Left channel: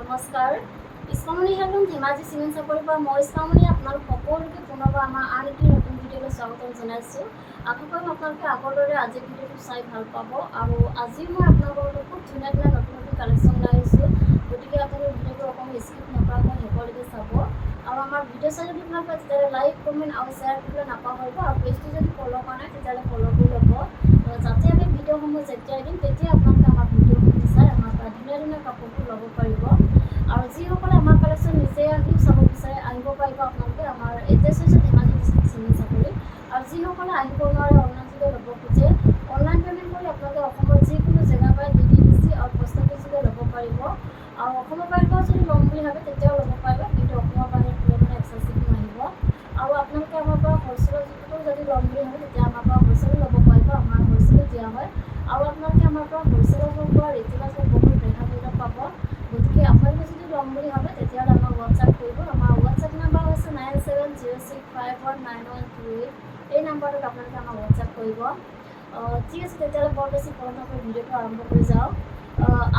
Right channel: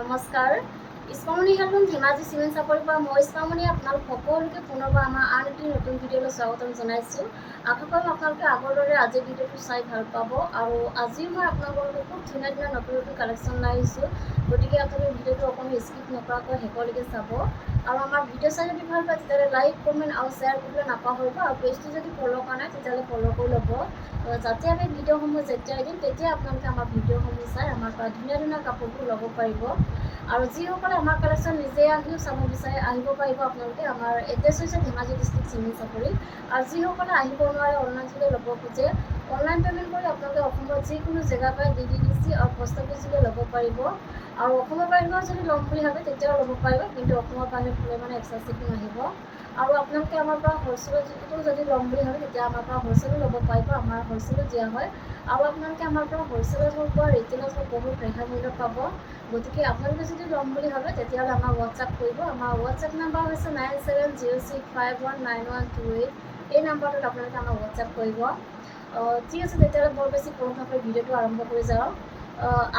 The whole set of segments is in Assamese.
নমস্কাৰ ইছমামণি হেলুম ধেমাজি চিমেণ্ট চাপৰিৰ পৰা মই ইছমামণি আপোনালোক সকলোকে পুনৰবাৰ আমাৰ আন এটি নতুন ভিডিঅ'লৈ স্বাগতম জনাইছোঁ। আশা কৰিম আপোনালোকে আগৰ দৰে আজিৰ ভিডিঅ'টো চাই ভাল পাব আৰু আজিও মই আপোনালোকৰ বাবে খুব ধুনীয়া ধুনীয়া নতুন নতুন কালেকশ্যন লৈ আহিছোঁ। গতিকে আপোনালোকে ভিডিঅ'টো অকণমান স্কিপ নকৰাকৈ শেষলৈকে চাব আৰু আমাৰ ভিডিঅ' চাই যদি ভাল পায় তেতিয়াহ'লে লাইক কমেণ্ট আৰু শ্বেয়াৰ কৰিবলৈ নাপাহৰিব আৰু পেজটো যদি ফ'ল' কৰা নাই তেতিয়াহ'লে ফ'ল' কৰি ল'ব, যাতে আমি ভিডিঅ'সমূহ যেতিয়াই দিম তেতিয়া আপোনালোকে আমাৰ ভিডিঅ'সমূহ চাই আমাৰ পৰা ধুনীয়া ধুনীয়া কাপোৰবোৰ ল'ব পাৰিব। আৰু যিসকলে আমাৰ কালেকশ্যন নিজে আহিও চাব বিচাৰে আহিব পাৰিব। আপোনালোকে আমাৰ এড্ৰেছ হৈছে ধেমাজি ডিষ্ট্ৰিক্ট চিমেণ্ট চাপৰি আৰু যিসকলে আহিব নোৱাৰে অনলাইন যোগে ল'ব খোজে অনলাইন পে'মেণ্ট কৰি আপোনালোকে অসমৰ যিকোনো জেগাৰ পৰাই DDDC আৰু পোষ্ট অফিচ যোগে ল'ব পাৰিব। আৰু অসমৰ বাহিৰত যদি ল'ম বুলি ভাবে তেতিয়াও ল'ব পাৰিব, কিন্তু অসমৰ বাহিৰত হ'লে মানে এক্সট্ৰা চিপিং আহিব। আৰু আপোনালোকে আমাৰ পৰা হ'লচেলতো যদি ল'ম বুলি ভাবে তেতিয়া আমাৰ পৰা হ'লচেলো ল'ব পাৰিব, আমাৰ হ'লচেলো দিয়া হয়। আৰু আপোনালোকে আমাৰ পৰা হ'লচেলত হওক বা ৰিটেইলত হওক বহুত ৰেহাই মূল্যত পাব। গতিকে আপোনালোকে যদি ল'ম বুলি ভাবে তেতিয়াহ'লে আমাক হোৱাটছআপ কৰিব। আমাৰ হোৱাটছআপ নাম্বাৰ হৈছে 9706519128। এই নাম্বাৰটোত আপোনালোকে আমাক হোৱাটছআপ কৰিব। ঠিক আছে, তেতিয়াহ'লে বৰ বেছি পলম নকৰি ভিডিঅ'টো আৰম্ভ কৰি যাওঁ।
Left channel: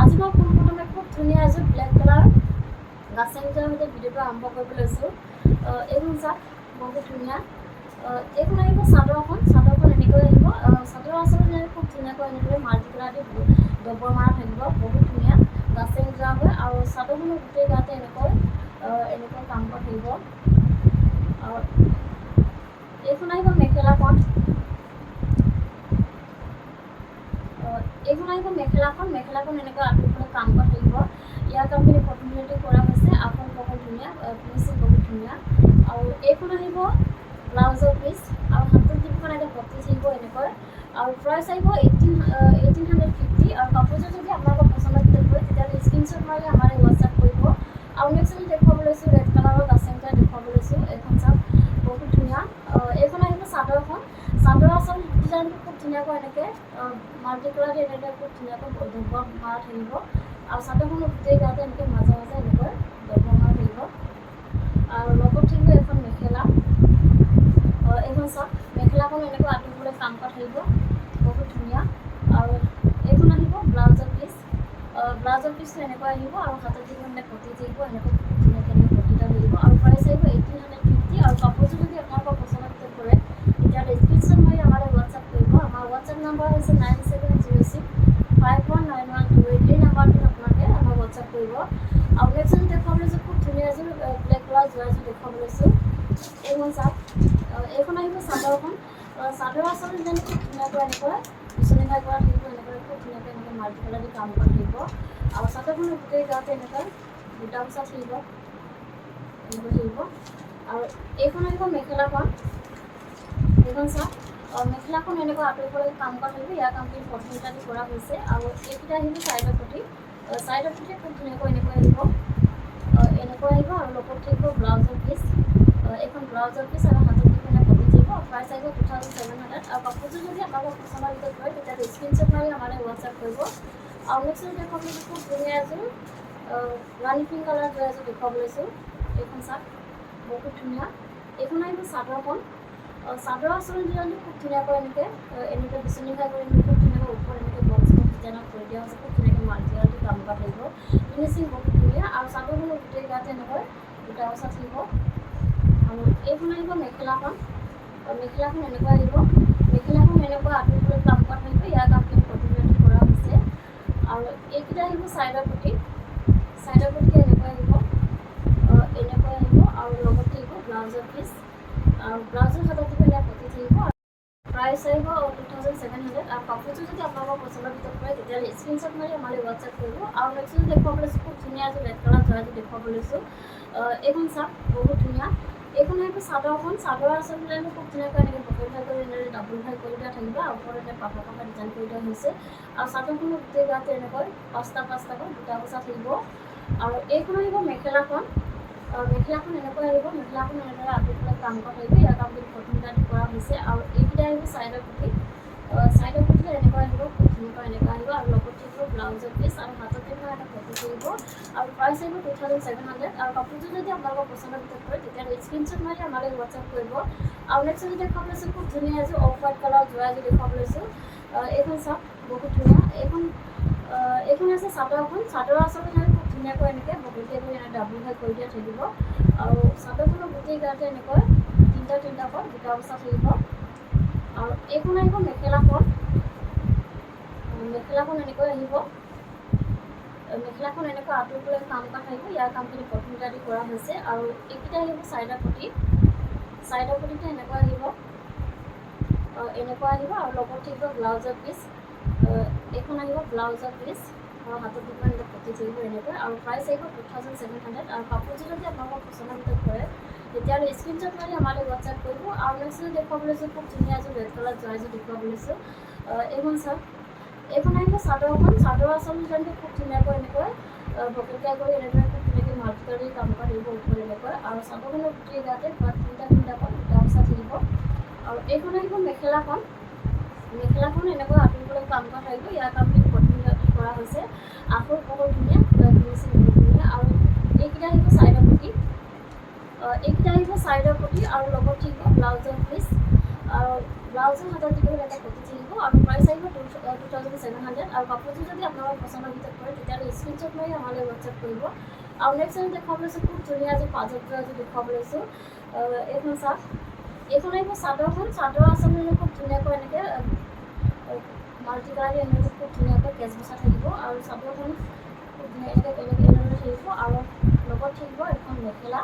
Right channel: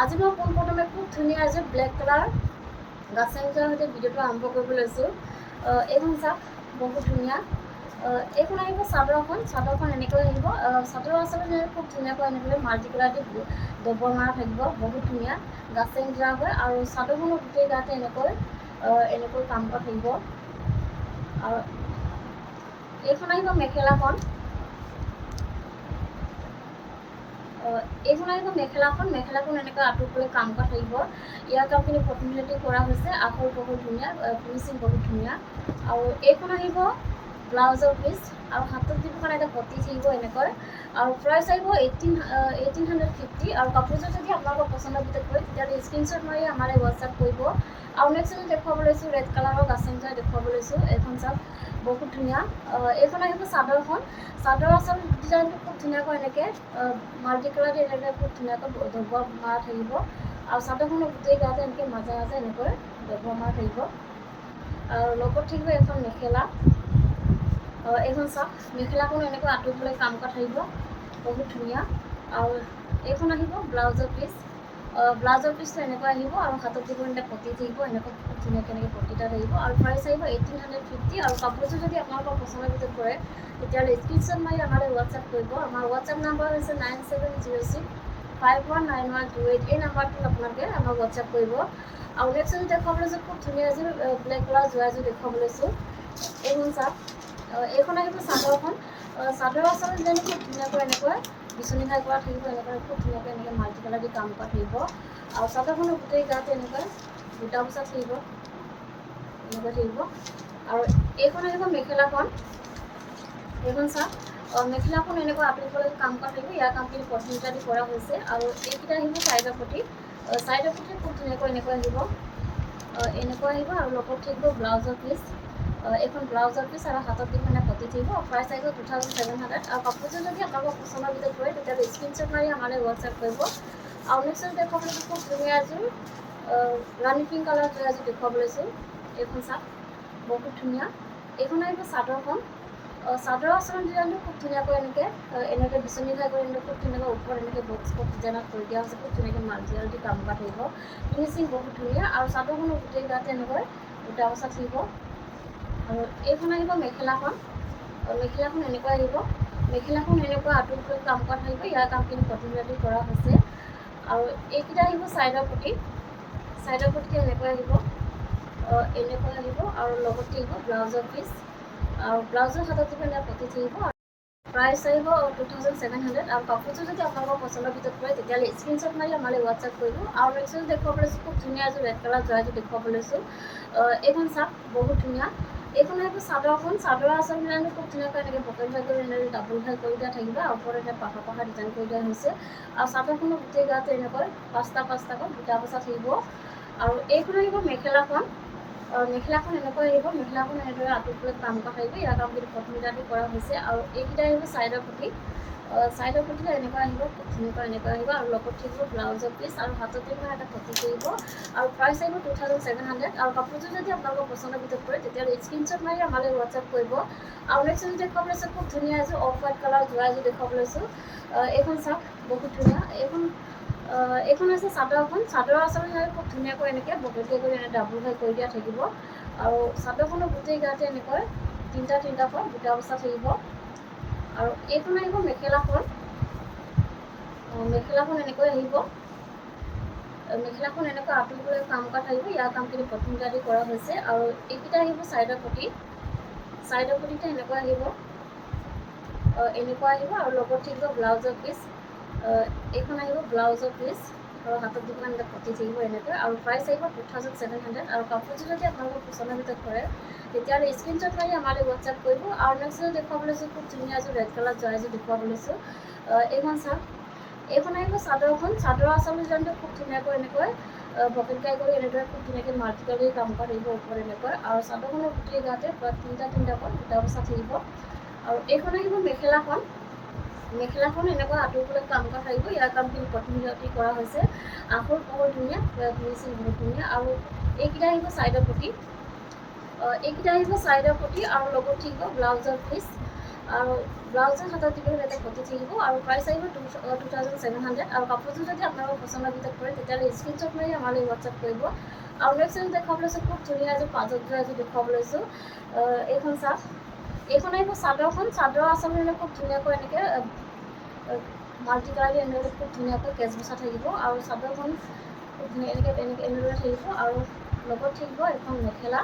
আজি মই পোনপ্ৰথমে খুব ধুনীয়া এযোৰ ব্লেক কালাৰ গাছেংযোৰৰ সৈতে ভিডিঅ'টো আৰম্ভ কৰিব লৈছোঁ। এইখন চাওক, বহুত ধুনীয়া। এইখন আহিব চাদৰখন এনেকৈ আহিব। চাদৰ আচলতে খুব ধুনীয়াকৈ এনেদৰে মাল্টি কালাৰ দি ডবৰ মাৰা থাকিব, বহুত ধুনীয়া গাছেং যোৰা হয়। আৰু চাদৰখনৰ গোটেই গাতে এনেকৈ কাম কৰা থাকিব। আৰু এইখন আহিব মেখেলাখন। মেখেলাখন এনেকৈ আঁতৰফালে কাম কৰা থাকিব। ইয়াৰ কামখিনি কটনমিলতে কৰা হৈছে, আঁচল বহুত ধুনীয়া, ফিনিচিং বহুত ধুনীয়া। আৰু এইখন আহিব ব্লাউজৰ পিচ আৰু হাতত যিখন এটা পতি থাকিব এনেকৈ। আৰু প্ৰাইচ আহিব 1850। আৰু কাপোৰযোৰ যদি আপোনালোকৰ পচন্দৰ ভিতৰত হয় তেতিয়াহ'লে স্ক্ৰীনশ্বট মাৰি আমাৰ হোৱাটছআপ কৰিব। আৰু নেক্সট আমি দেখুৱাব লৈছোঁ ৰেড কালাৰৰ গাছেংযোৰ দেখুৱাব লৈছোঁ। এইখন চাওক, বহুত ধুনীয়া। এইখন আহিব চাদৰখন। চাদৰ আচল ডিজাইনটো খুব ধুনীয়াকৈ এনেকৈ মাল্টি কালাৰ দি এনেকৈ খুব ধুনীয়াকৈ ডবৰ মাৰা থাকিব। আৰু চাদৰখনৰ গোটেই গাতে এনেকৈ মাজে মাজে এনেকৈ ডবৰ মাৰা থাকিব। আৰু লগত থাকিব এখন মেখেলা। এইখন চাওক, মেখেলাখনো এনেকৈ আঁতৰফালে কাম কৰা থাকিব, বহুত ধুনীয়া। আৰু এইখন আহিব ব্লাউজৰ পিচ। ব্লাউজৰ পিচটো এনেকৈ আহিব আৰু হাতত যিখন এটা পতি থাকিব এনেকৈ খুব ধুনীয়াকৈ এনেকৈ পতি এটা থাকিব। আৰু প্ৰাইচ আহিব 1850। আৰু কাপোৰযোৰ যদি আপোনালোকৰ পচন্দৰ ভিতৰত পৰে তেতিয়াহ'লে স্ক্ৰীনশ্বট মাৰি আমালৈ হোৱাটছআপ কৰিব। আমাৰ হোৱাটছআপ নাম্বাৰ হৈছে 9706519128। এই নাম্বাৰটোত আপোনালোকে আমাক হোৱাটছআপ কৰিব। আৰু নেক্সট এযোৰ দেখুৱাব লৈছোঁ, খুব ধুনীয়া এযোৰ ব্লেক কালাৰ যোৰা এযোৰ দেখুৱাব লৈছোঁ। এইখন চাওক, এইখন আহিব চাদৰখন। চাদৰ আচল ডিজাইনটো খুব ধুনীয়াকৈ এনেকৈ বিচনী ঘাই কৰা থাকিব, এনেকৈ খুব ধুনীয়াকৈ এনেকৈ মাল্টি কালাৰ দি কাম কৰা থাকিব। আৰু চাদৰখনৰ গোটেই গাতে এনেকৈ বুটা বচা থাকিব, এনেকৈ থাকিব। আৰু এইখন আহিব মেখেলাখন। এইখন চাওক, মেখেলাখন এনেকৈ আঁতৰফালে কাম কৰা থাকিব। ইয়াৰ কামখিনি কটন দি কৰা হৈছে। আৰু এইকেইটা আহিব চাইডৰ পতি। চাইডৰ পতি খুব ধুনীয়াকৈ এনেকৈ আহিব, এনেকৈ আহিব। আৰু লগত থাকিব ব্লাউজৰ পিচ। এইখন ব্লাউজৰ পিচ আৰু হাতত যিখন পতি থাকিব। প্ৰাইচ আহিব 2700। আৰু কাপোৰযোৰ যদি আপোনালোকৰ পচন্দৰ ভিতৰত পৰে তেতিয়াহ'লে স্ক্ৰীনশ্বট মাৰি আমালৈ হোৱাটছআপ কৰিব। আৰু নেক্সট দেখুৱাব লৈছোঁ, খুব ধুনীয়া এযোৰ ৰাণী পিংক কালাৰ যোৰা এযোৰ দেখুৱাব লৈছোঁ। এইখন চাওক, বহুত ধুনীয়া। এইখন আহিব চাদৰখন। চাদৰ আচলতে ডিজাইনটো খুব ধুনীয়াকৈ এনেকৈ বিচনী ঘাই কৰি খুব ধুনীয়াকৈ ওপৰত এনেকৈ বক্স ডিজাইনত কৰি দিয়া হৈছে। খুব ধুনীয়াকৈ মাল্টি দি কাম কৰা থাকিব, ফিনিচিং বহুত ধুনীয়া। আৰু চাদৰখনৰ গোটেই গাতে এনেকৈ বুটা বচা থাকিব। আৰু এইখন আহিব মেখেলাখন। মেখেলাখন এনেকৈ আহিব। মেখেলাখন এনেকৈ আঁতৰফালে কাম কৰা থাকিব। ইয়াৰ কামখিনি কটনমিলতে কৰা হৈছে। আৰু এইকেইটা আহিব চাইডৰ পতি। চাইডৰ পতিটো এনেকৈ আহিব, এনেকৈ আহিব। আৰু লগত থাকিব ব্লাউজৰ পিচ। আৰু ব্লাউজৰ হাতত যিখন পতি থাকিব। প্ৰাইচ আহিব 2700। আৰু কাপোৰযোৰ যদি আপোনালোকৰ পচন্দৰ ভিতৰত পৰে তেতিয়াহ'লে স্ক্ৰীনশ্বট মাৰি আমালৈ হোৱাটছআপ কৰিব। আৰু নেক্সট দেখুৱাব লৈছোঁ, খুব ধুনীয়া এযোৰ ৰেড কালাৰ যোৰা এযোৰ দেখুৱাব লৈছোঁ। এইখন চাওক, বহুত ধুনীয়া। এইখন আহিব চাদৰখন। চাদৰ আচল ডিজাইনটো খুব ধুনীয়াকৈ এনেকৈ বকেট ঘাই কৰি এনেকৈ ডাবল ঘাই কৰি দিয়া থাকিব। আৰু ওপৰত এটা পাখা ডিজাইন কৰি দিয়া হৈছে। আৰু চাদৰখনৰ গোটেই গাতে এনেকৈ পাঁচটাকৈ বুটা বচা থাকিব। আৰু এইখন আহিব মেখেলাখন। মেখেলাখন এনেকৈ আহিব। মেখেলাখন এনেদৰে আঁতৰফালে কাম কৰা থাকিব। ইয়াৰ কামখিনি কটন দি কৰা হৈছে। আৰু এইকেইটা আহিব চাইডৰ পতি। চাইডৰ পতিটো এনেকৈ আহিব, খুব ধুনীয়াকৈ এনেকৈ আহিব। আৰু লগত থাকিব ব্লাউজৰ পিচ আৰু হাতত এটা পতি থাকিব। আৰু প্ৰাইচ আহিব 2700। আৰু কাপোৰযোৰ যদি আপোনালোকৰ পচন্দৰ ভিতৰত পৰে তেতিয়াহ'লে স্ক্ৰীনশ্বট মাৰি আমালৈ হোৱাটছআপ কৰিব। আৰু নেক্সট এযোৰ দেখুৱাব লৈছোঁ, খুব ধুনীয়া এযোৰ অফ হোৱাইট কালাৰ যোৰা এযোৰ দেখুৱাব লৈছোঁ। এইখন চাওক, বহুত ধুনীয়া। এইখন এইখন হৈছে চাদৰখন। চাদৰ আচলতে খুব ধুনীয়াকৈ এনেকৈ বকেটীয়া কৰি ডাবুল ঘাই কৰি দিয়া থাকিব আৰু চাদৰখনৰ গোটেই গাতে এনেকৈ তিনিটাকৈ দুটা বচা থাকিব। আৰু এইখন আহিব মেখেলাখন। মেখেলাখন এনেকৈ আহিব। মেখেলাখন এনেকৈ আঁতৰিবলৈ কাম কৰা থাকিব। ইয়াৰ কামখিনি প্ৰথমতে আদি কৰা হৈছে। আৰু এইকেইটা আহিব চাইডৰ পটি। চাইডৰ পটিটো এনেকৈ আহিব, এনেকুৱা আহিব। আৰু লগত থাকিব ব্লাউজৰ পিচ। এইখন আহিব ব্লাউজৰ পিচ আৰু হাতত দিব এনেকৈ পটি থাকিব এনেকৈ। আৰু প্ৰাইচ আহিব 2700। আৰু কাপোৰযোৰ যদি আপোনালোকৰ পচন্দৰ ভিতৰত কৰে তেতিয়াহ'লে স্ক্ৰীনশ্বট মাৰি আমালৈ হোৱাটছআপ কৰিব। আৰু নেক্সট দেখুৱাব লৈছোঁ খুব ধুনীয়া এযোৰ ৰেড কালাৰ যোৱা এযোৰ দেখুৱাব লৈছোঁ। এইখন চাওক। এইখন আহিব চাদৰখন। চাদৰ আচল ডিজাইনটো খুব ধুনীয়াকৈ এনেকৈ বকেট গাই কৰি এনেদৰে খুব ধুনীয়াকৈ মাল্টি কালাৰ কাম কৰা থাকিব ওপৰত এনেকৈ। আৰু চাদৰখনৰ গোটেই গাতে প্ৰায় তিনিটাকৈ দুটা বচা থাকিব। আৰু এইখন আহিব মেখেলাখন। মেখেলাখন এনেকৈ আঁতৰিবলৈ কাম কৰা থাকিব। ইয়াৰ কামখিনি প্ৰথমতে কৰা হৈছে। আঁচল বহুত ধুনীয়া, ফিনিচিং বহুত ধুনীয়া। আৰু এইকেইটা আহিব চাইডৰ পটি। এইকেইটা আহিব চাইডৰ পটি আৰু লগত থাকিব ব্লাউজৰ পিচ। আৰু ব্লাউজৰ হাতত দিব এটা পটি থাকিব। আৰু প্ৰাইচ আহিব 2700। আৰু কাপোৰযোৰ যদি আপোনালোকৰ পচন্দৰ ভিতৰত কৰে তেতিয়াহ'লে স্ক্ৰীনশ্বট মাৰি আমালৈ হোৱাটছআপ কৰিব। আৰু নেক্সট এযোৰ দেখুৱাব লৈছোঁ খুব ধুনীয়া এযোৰ পাজত যোৱা এযোৰ দেখুৱাব লৈছোঁ। এইখন চাওক। এইখন আহিব চাদৰখন। চাদৰ আচলতে খুব ধুনীয়াকৈ এনেকৈ মাল্টি কালাৰ এনেকৈ খুব ধুনীয়াকৈ কেচ বচা থাকিব। আৰু চাদৰখন খুব ধুনীয়া এনেদৰে থাকিব। আৰু লগত থাকিব এখন মেখেলা।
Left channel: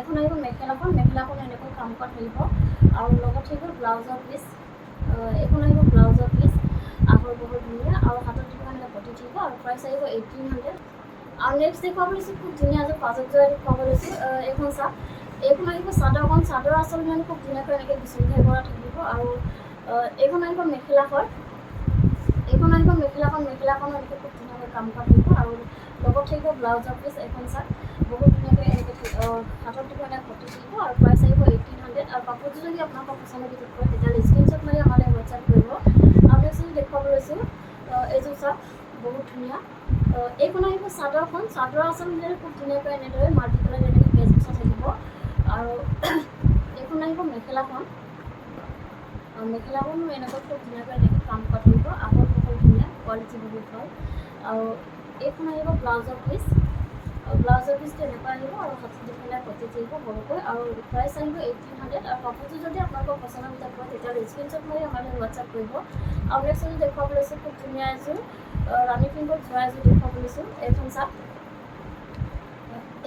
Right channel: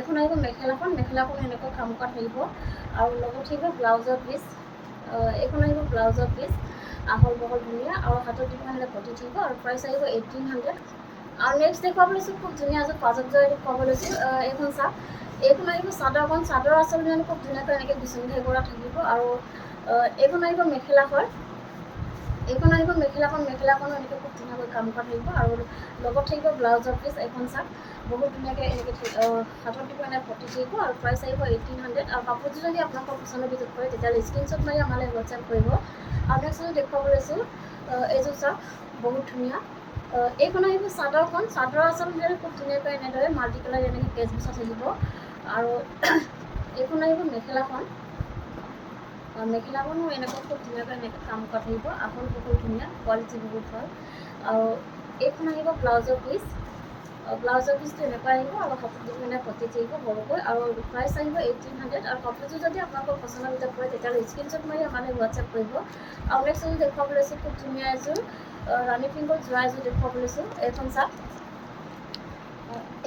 এখন আহিব মেখেলাখন। মেখেলাখন এনেকৈ কাম কৰা থাকিব। আৰু লগত থাকিব ব্লাউজৰ পিচ। এইখন আহিব ব্লাউজৰ পিচ। আহল বহল ধুনীয়া। আৰু হাতত দিব এনেকৈ পটি থাকিব। আৰু প্ৰাইচ আহিব 1800। আৰু নেক্সট দেখুৱাব লৈছোঁ খুব ধুনীয়া এযোৰ পাজত যোৱা দেখুৱাব লৈছোঁ। এইখন চাওক। এইখন আহিব চাদৰখন। চাদৰ আচলতে খুব ধুনীয়াকৈ এনেকৈ বিচনী ঘাই কৰা থাকিব। আৰু এইখন আহিব মেখেলাখন। এইখন আহিব মেখেলাখন। মেখেলাখনো এনেকৈ খুব ধুনীয়াকৈ কাম কৰা থাকিব। আৰু লগত থাকিব ব্লাউজৰ পিচ। এইখন চাওক। বহুত ধুনীয়াকৈ এনেকৈ হাতত দিব এনেকৈ পটি থাকিব। আৰু প্ৰাইচ আহিব 1800। আৰু কাপোৰযোৰ যদি আপোনালোকৰ পচন্দৰ ভিতৰত কৰে তেতিয়াহ'লে স্ক্ৰীনশ্বট মাৰি আমালৈ হোৱাটছআপ কৰিব। আৰু নেক্সট এযোৰ দেখুৱাব লৈছোঁ। এইযোৰ চাওক। বহুত ধুনীয়া। এইখন আহিব চাদৰখন। চাদৰ আচলতে খুব ধুনীয়াকৈ এনেদৰে মাল্টি কালাৰ এনেকৈ কেচ বচা থাকিব। আৰু এইখন আহিব মেখেলাখন। মেখেলাখনো এনেকৈ খুব ধুনীয়াকৈ এনেকৈ কাম কৰা থাকিব। আহল বহল ধুনীয়া, কোৱালিটি বহুত ভাল। আৰু এইখন আহিব ব্লাউজৰ পিচ। ব্লাউজৰ পিচটো এনেকৈ আহিব। আৰু হাতত দি পেলাই পটি থাকিব সৰুকৈ। আৰু প্ৰাইচ আহিব 1800। আৰু কাপোৰযোৰ যদি আপোনালোকৰ পচন্দৰ ভিতৰত কৰে তেতিয়াহ'লে স্ক্ৰীনশ্বট মাৰি আমালৈ হোৱাটছআপ কৰিব। আৰু নেক্সট এযোৰ দেখুৱাব লৈছোঁ খুব ধুনীয়া এযোৰ ৰাণী পিংকত যোৱা এযোৰ দেখুৱাব লৈছোঁ। এইখন চাওক।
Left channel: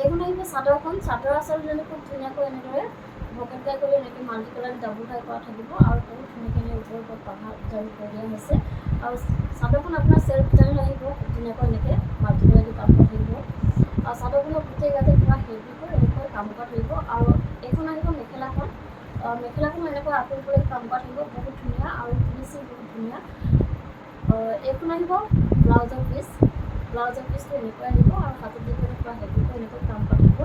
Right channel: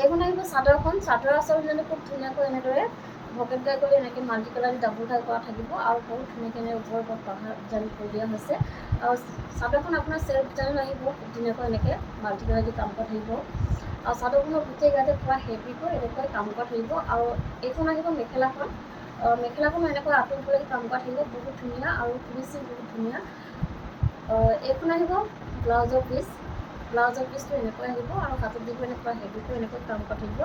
এইখন আহিব চাদৰখন। চাদৰ আচলতে খুব ধুনীয়াকৈ এনেদৰে বকেট গাই কৰি এনেকৈ মাল্টি কালাৰ ডাবুল ঘাই কৰা থাকিব। আৰু বহুত ধুনীয়াকৈ ওপৰৰ ওপৰত পাহাৰ ডিজাইন কৰি দিয়া হৈছে। আৰু চাদৰখন আপোনাৰ চেল্ফ ডিজাইনত আহিব। খুব ধুনীয়াকৈ এনেকৈ মাল্টি কালাৰ দি কাম কৰা থাকিব। আৰু চাদৰখনৰ গোটেই গাতে পূৰা হেভিকৈ এনেকৈ কাম কৰা থাকিব। আৰু এইখন আহিব মেখেলাখন। মেখেলাখনো এনেকৈ আঁতৰিবলৈ কাম কৰা থাকিব। বহুত ধুনীয়া আৰু ফিনিচিং বহুত ধুনীয়া। এইখন আহিব ব্লাউজৰ পিচ। ব্লাউজৰ পিচটো এনেকৈ আহিব। আৰু হাতত দি পেলাই পূৰা হেভিকৈ এনেকৈ কাম কৰা থাকিব।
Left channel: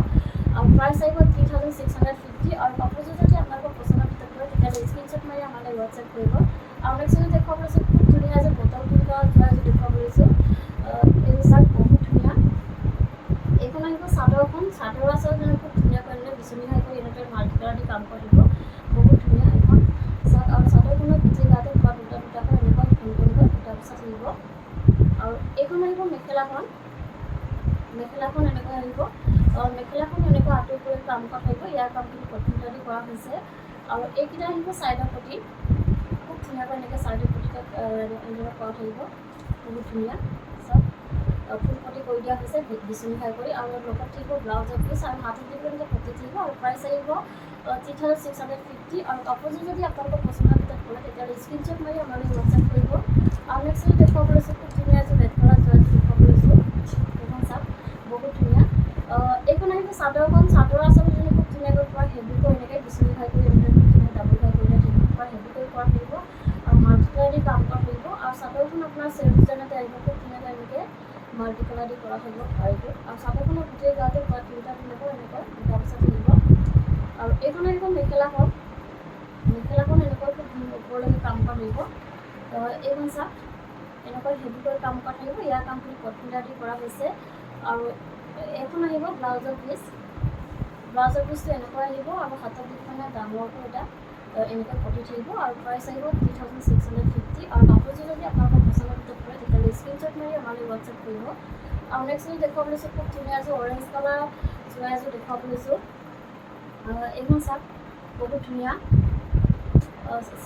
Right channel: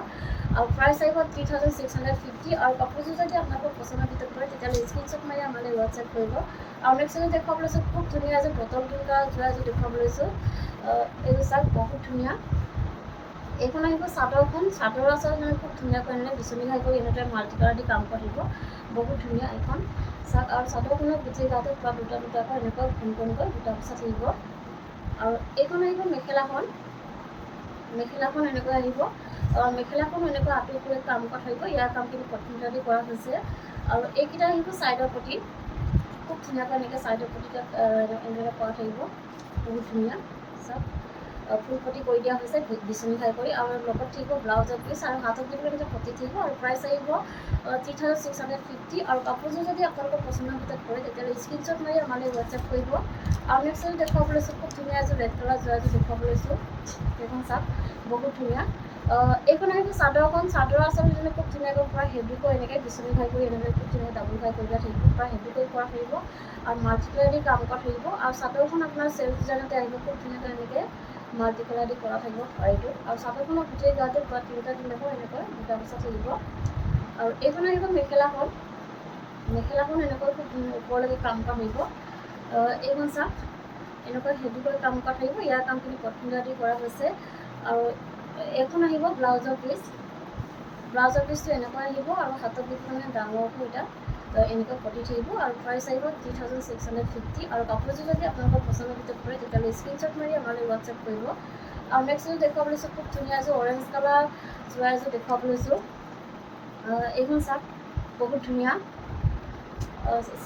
আৰু প্ৰাইচ আহিব 3650। আৰু কাপোৰযোৰ যদি আপোনালোকৰ পচন্দৰ ভিতৰত কৰে তেতিয়াহ'লে স্ক্ৰীনশ্বট মাৰি আমালৈ হোৱাটছআপ কৰিব। আৰু নেক্সট এযোৰ দেখুৱাব লৈছোঁ খুব ধুনীয়া এযোৰ বটল গ্ৰীণ কালাৰ যোৱা এযোৰ দেখুৱাব লৈছোঁ। এইযোৰ চাওক। বহুত ধুনীয়া। এইখন আহিব চাদৰখন। চাদৰ আচলতে খুব ধুনীয়াকৈ এনেকৈ বিচনী ঘাই কৰি এনেদৰে মাল্টি কালাৰ দি কাম কৰা থাকিব। বহুত ধুনীয়া এইখন চাওক। আৰু চাদৰখনৰ গোটেই গাতে পূৰা দুটাকৈ এনেকৈ ঘূৰণকৈ দুটা বচা থাকিব। আৰু এইখন আহিব মেখেলাখন। মেখেলাখন এনেকৈ আহিব। মেখেলাখনো এনেকৈ আঁতৰিবলৈ কাম কৰা থাকিব। ইয়াৰ কামখিনি প্ৰথমতে কৰা হৈছে। আৰু এইকেইটা আহিব চাইডৰ পটি। খুব ধুনীয়াকৈ এনেকৈ চাইডৰ পটিতে এনেদৰে কৰা থাকিব। বহুত ধুনীয়া চাওক। ফুল পটি কৰি দিয়া হৈছে বিচনী ঘাই কৰি। আৰু লগত থাকিব ব্লাউজৰ পিচ। আৰু হাতত দি পেলাই এনেকৈ পটি থাকিব। আৰু প্ৰাইচ আহিব 3650। আৰু কাপোৰযোৰ যদি আপোনালোকৰ পচন্দৰ ভিতৰত কৰে তেতিয়াহ'লে স্ক্ৰীনশ্বট মাৰি আমালৈ হোৱাটছআপ কৰিব। আৰু নেক্সট এযোৰ দেখুৱাব লৈছোঁ খুব ধুনীয়া এযোৰ ৰেড কালাৰ যোৱা এযোৰ দেখুৱাব লৈছোঁ। এইখন চাওক। বহুত ধুনীয়া। এইখন আহিব চাদৰখন। চাদৰ আচলতে খুব ধুনীয়াকৈ পূৰা হেভিকৈ এনেকৈ বিচনী ঘাই কৰি এনেদৰে খুব ধুনীয়াকৈ ডাবুল ঘাই কৰি দিয়া থাকিব। পূৰা হেভিকৈ কৰা থাকিব। আৰু মাল্টি কালাৰ দি কাম কৰা থাকিব। আৰু চাদৰখন আপোনাৰ চেল্ফ ডিজাইনতে আহিব। খুব ধুনীয়াকৈ এনেকৈ মাল্টি কালাৰ দি কৰা থাকিব পাৰিটোত। আৰু চাদৰখনৰ গোটেই গাতে পূৰা তিনিটাকৈ এনেকৈ দুটা বচা থাকিব। আৰু এইখন আহিব মেখেলাখন। মেখেলাখন এনেকৈ খুব ওপৰলৈকে কাম কৰা থাকিব। এইখন চাওক। এনেকৈ হেভিকৈ কাম কৰা থাকিব। ইয়াৰ কামখিনি প্ৰথমতে কৰা হৈছে। আৰু এইখন আহিব ব্লাউজৰ পিচ। ব্লাউজৰ পিচটো এনেকৈ আহিব। আৰু হাতত দি পেলাই ডাঙৰকৈ এটা এনেকৈ পতি থাকিব আৰু প্ৰাইচ আহিব 3650 আৰু কাপোৰযোৰ যদি আপোনালোকৰ পচন্দৰ ভিতৰত পৰে তেতিয়াহ'লে স্ক্ৰীনশ্বট মাৰি আমালৈ হোৱাটছএপ কৰিব। আৰু নেক্সট এযোৰ দেখুৱাব লৈছোঁ, খুব ধুনীয়া এযোৰ অৰেঞ্জ কালাৰ যোৰা এযোৰ দেখুৱাব লৈছোঁ। এইখন চাওক, বহুত ধুনীয়া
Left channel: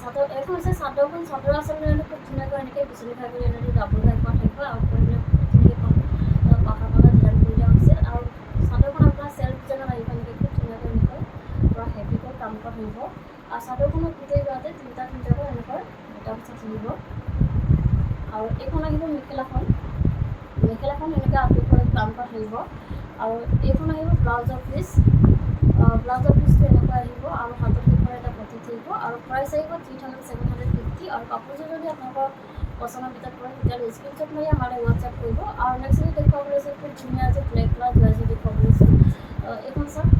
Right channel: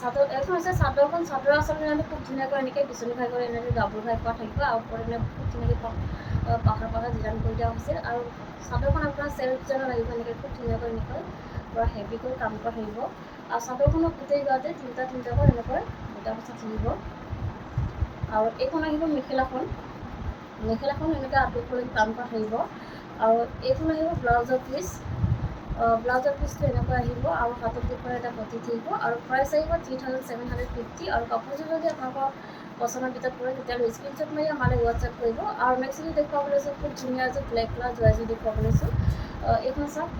চাদৰ। এইখন হৈছে চাদৰখন, চাদৰ আচলতে খুব ধুনীয়াকৈ এনেকৈ বিচনী ঘাই কৰি এনেকৈ ডাবুল ঘাই কৰা থাকিব আৰু ওপৰত খুব ধুনীয়াকৈ পাহাৰ পাহাৰ ডিজাইন কৰি দিয়া হৈছে। আৰু চাদৰখন আপোনাৰ চেল্ফ ডিজাইনত আহিব, এনেকৈ খুব ধুনীয়াকৈ এনেকৈ পূৰা হেভিকৈ কাম কৰা থাকিব। আৰু চাদৰখনৰ গোটেই গাতে তিনিটাকৈ এনেকৈ বুটা বচা থাকিব। আৰু এইখন আহিব মেখেলাখন, মেখেলাখন এনেকৈ আঁতৰফালে কাম কৰা থাকিব। আৰু এইখন আহিব ব্লাউজৰ পিচ, ব্লাউজৰ পিচটো এনেকৈ আহিব আৰু হাতত দুফালে এটা পতি থাকিব আৰু প্ৰাইচ আহিব 3750 আৰু কাপোৰযোৰ যদি আপোনালোকৰ পচন্দৰ ভিতৰত পৰে তেতিয়াহ'লে স্ক্ৰীনশ্বট মাৰি আমালৈ হোৱাটছএপ কৰিব। আৰু নেক্সট এযোৰ দেখুৱাব লৈছোঁ, খুব ধুনীয়া এযোৰ ব্লেক কালাৰ যোৰা এযোৰ দেখুৱাব লৈছোঁ। এইখন চাওক,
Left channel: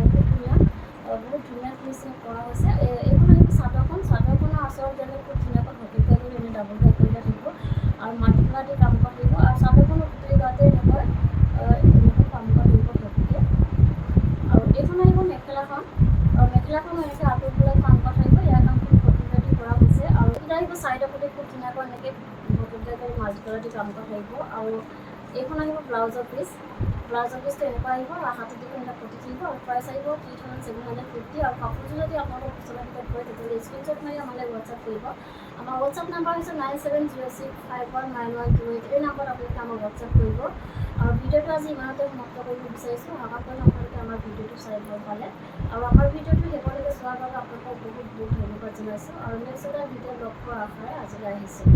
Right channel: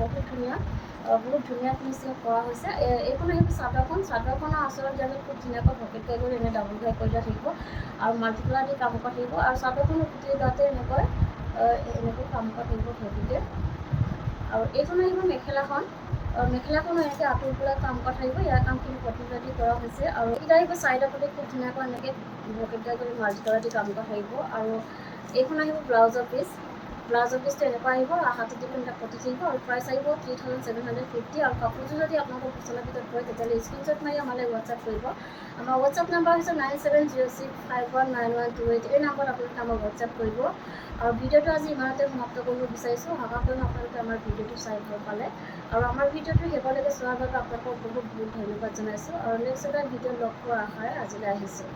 বহুত ধুনীয়া ফিনিচিং কৰা হৈছে। এইখন আহিব চাদৰখন, চাদৰখনৰ আচলত যেনে খুব ধুনীয়াকৈ ভকেট ঘাই কৰি এনে ডাবুল ঘাই কৰি দিয়া থাকিব আৰু মাল্টি কালাৰ দি কাম কৰা থাকিব। আৰু চাদৰখনৰ গোটেই গাতে এনেকৈ কাম কৰা থাকিব হেভিকৈ। আৰু এইখন আহিব মেখেলাখন, মেখেলাখনো এনেকৈ আঁতৰফালে কাম কৰা থাকিব। ইয়াৰ কামখিনি পতিফালে দি কৰা হৈছে। আৰু এইকেইটা আহিব চাইডৰ প্ৰতি খুব ধুনীয়াকৈ এনেকৈ ভকেট ঘাই কৰি মাল্টি কালাৰ দি কাম কৰা থাকিব। আৰু এইখন আহিব ব্লাউজৰ পিচ, ব্লাউজৰ পিচটো এনেকুৱা আহিব আৰু হাতত দুখন এটা পতি থাকিব আৰু প্ৰাইচ আহিব 3750 আৰু কাপোৰযোৰ যদি আপোনালোকৰ পচন্দৰ ভিতৰত পৰে তেতিয়াহ'লে স্ক্ৰীনশ্বট মাৰি আমালৈ হোৱাটছএপ কৰিব। আমাৰ হোৱাটছএপ নাম্বাৰ হৈছে 9706519128। এই নাম্বাৰত আপোনালোকে আমাক হোৱাটছএপ কৰিব। আৰু ভিডিঅ'টো আজি ইমানতে সমাপ্ত কৰিব বিচাৰিছোঁ। আশা কৰিম আপোনালোকে আমাৰ ভিডিঅ'টো চাই ভাল পালে। আৰু আমাৰ ভিডিঅ'টো শেষলৈকে চোৱাৰ বাবে আপোনালোকক বহুত বহুত ধন্যবাদ জনাইছোঁ। আৰু নেক্সট এটা ভিডিঅ' লগ পোৱাৰ আশাৰে আজিলৈ আহিছোঁ।